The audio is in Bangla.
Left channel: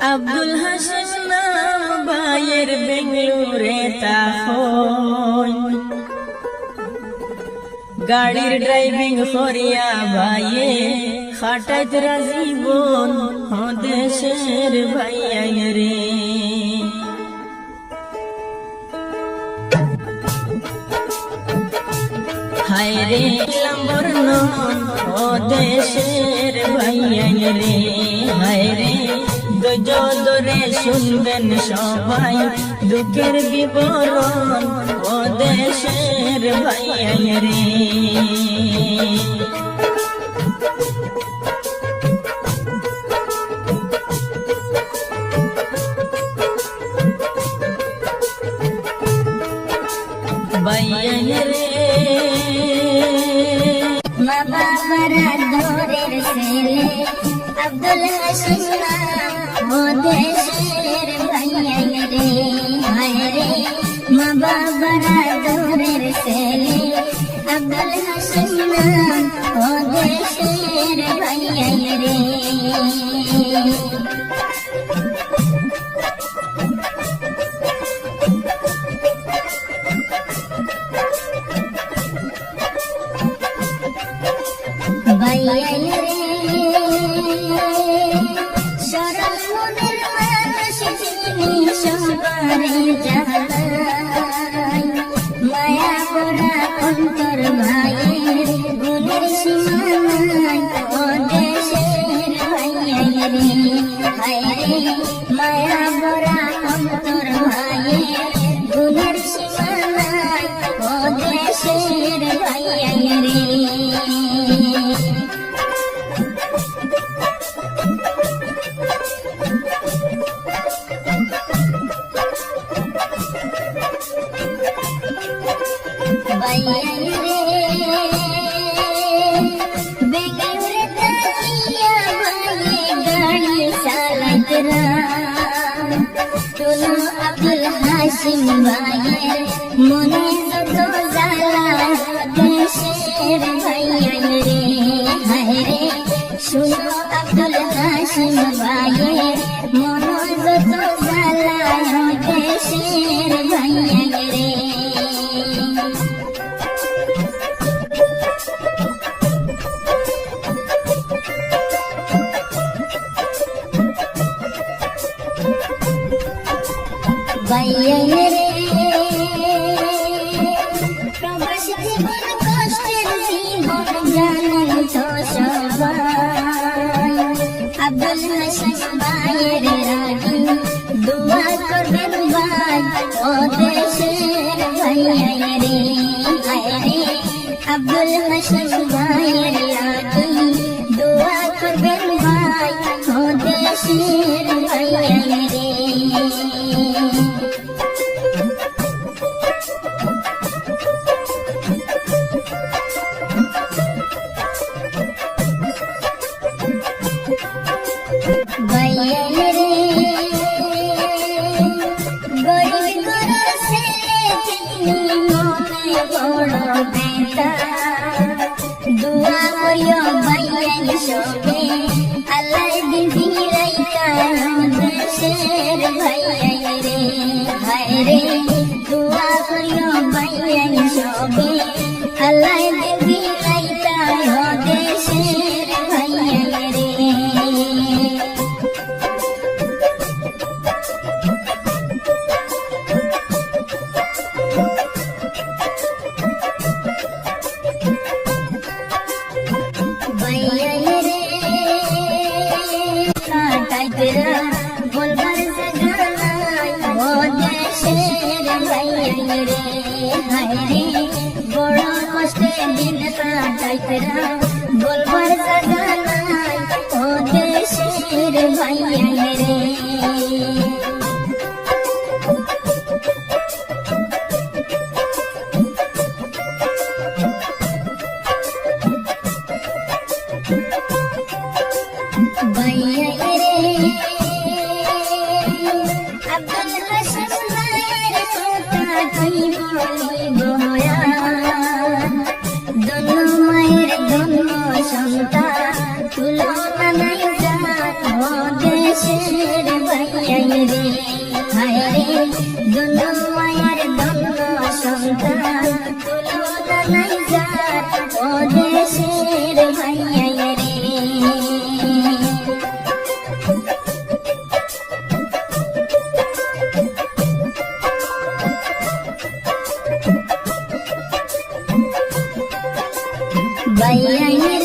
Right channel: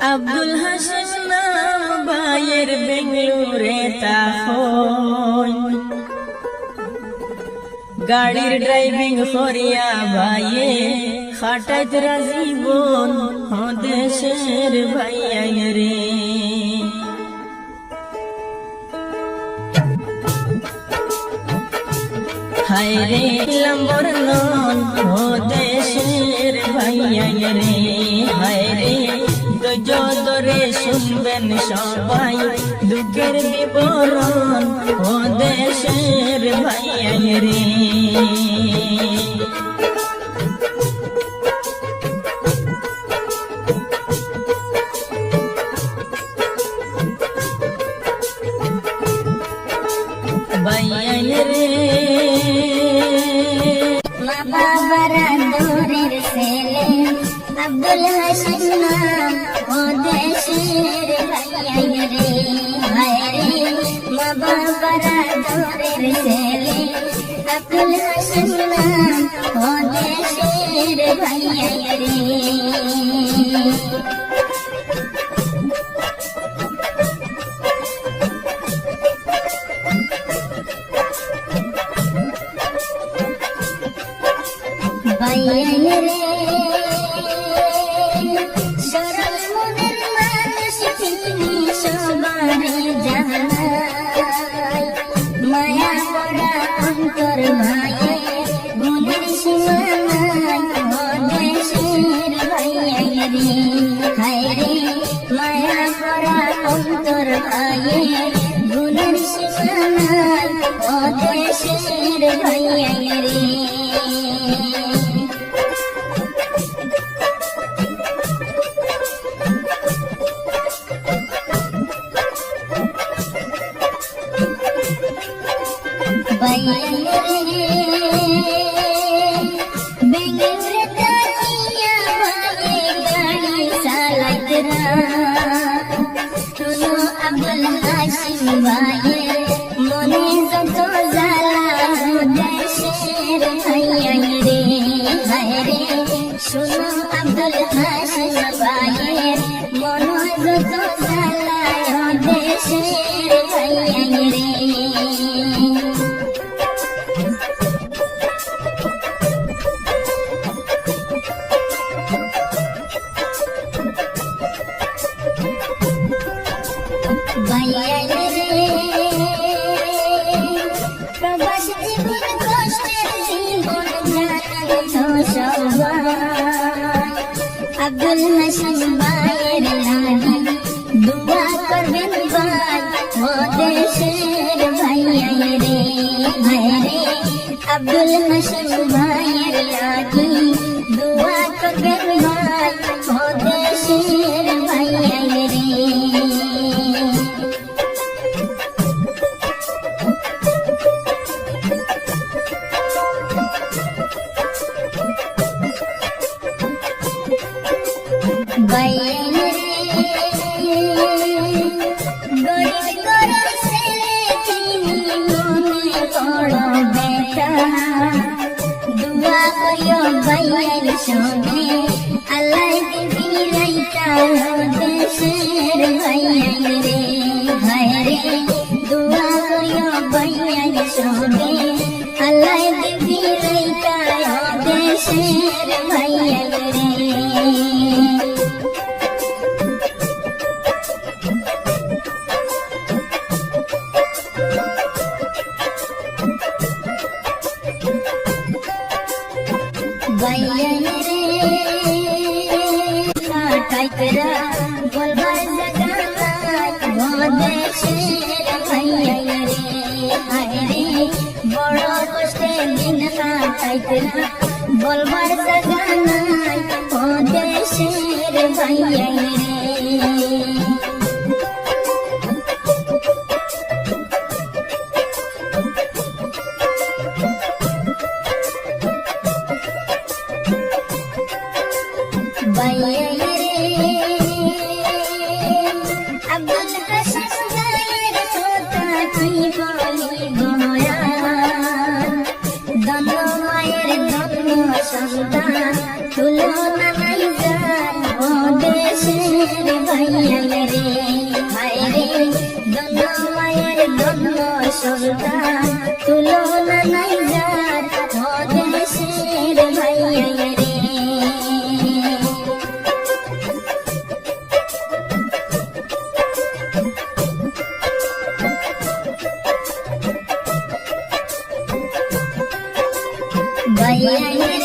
আব্দুল হাসিম নাম ভাইয়ের বেঙ্গলুরে তাহন গাড়ির ড্রাইভিং করিয়া ভাইয়ে খাটাইত রাজীবন দেশের ভাইয়া রে হায়রে লম্বর নন দেশের ভাইয়া রে হায়রে দরে শুনবেন সবাই দুঃখের বিবরণ ও দেশের ভাইয়া রে ভাইয়া রে মা বাবার দৌড়ের ছেলে আব্দুল হাসিম নাম ও দেশের ভাইয়া রে হায়রে মা বাবার দৌড়ের ছেলে আব্দুল হাসিম নাম ও দেশের ভাইয়া রে মায়া করা অন্তর ভাইয়ের গুণের সীমানায় ও দেশের ভাইয়া রে হায়রে মায়া করা অন্তর ভাইয়ের গুণের সীমানায় ও দেশের ভাইয়া রে আব্দুল হাসিম ভাইয়ের মনে যত জ্বালা দেশের ভাইয়া রে হায়রে শুনো আব্দুল হাসিম ভাইয়ের মনে যত জ্বালা দেশের ভাইয়া রে ভাইয়া রে প্রবাস জীবন কষ্টের জীবন জানেন তো সবাই আব্দুল হাসিম ভাইয়ের লাগি দোয়া করবেন ভাই ও দেশের ভাইয়া রে হায়রে আব্দুল হাসিম ভাইয়ের লাগি দোয়া করবেন ভাই ও দেশের ভাইয়া রে ভাইয়া রে গরিব ঘরের ছেলে তিনি মনে বড় বেটা দোয়া করিও ভাইয়ার সঙ্গে আল্লাহ দিবি রাইতা দেশের ভাইয়া রে হায়রে দোয়া করিও ভাইয়ার সঙ্গে আল্লাহ দিবি রাইতা দেশের ভাইয়া রে ভাইয়া রে কাটাইতরা বলবার জায়গা নাই ও দেশের ভাইয়া রে হায়রে বড় কষ্টে দিন কাটাইতরা বলবার জায়গা নাই ও দেশের ভাইয়া রে ভাইয়া রে আব্দুল হাসিম ভাইয়ের কথা কি বলিব ধন্য মায়ের ধন্য সন্তান তুলনা নাই ও দেশের সন্তান তুলনা নাই যার ও দেশের ভাইয়া রে ভাইয়া